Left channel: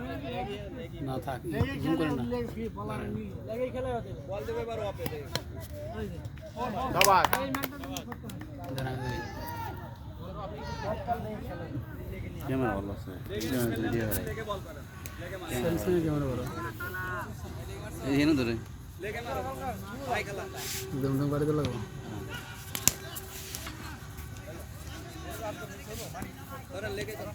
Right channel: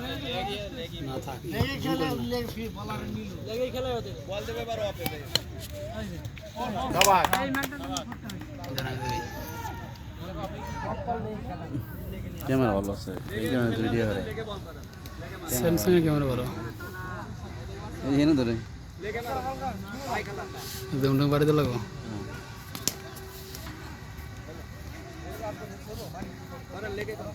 না থাকে লেগে খেলে লেগে ফ্রি বলার নি লেগে খেলে হতে বল দেবে বার ওপে দেবে ধন্যবাদ জানা দেবে ক্যামেরা ভালো আছে ক্যামেরা ধরে দিয়ে করে স্যামসাং এর ক্যামেরা ভালো এই যেন ধরে লেগে না ভাই খেলা দম দম বাড়ি দিলে গো ধরে লেগে ধরে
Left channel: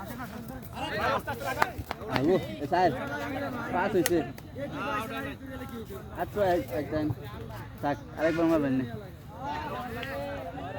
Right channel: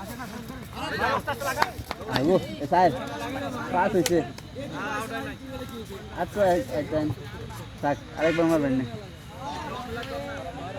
Hello, it's Al. Pass it. That's right, Al. Tak, Al, come on, Al.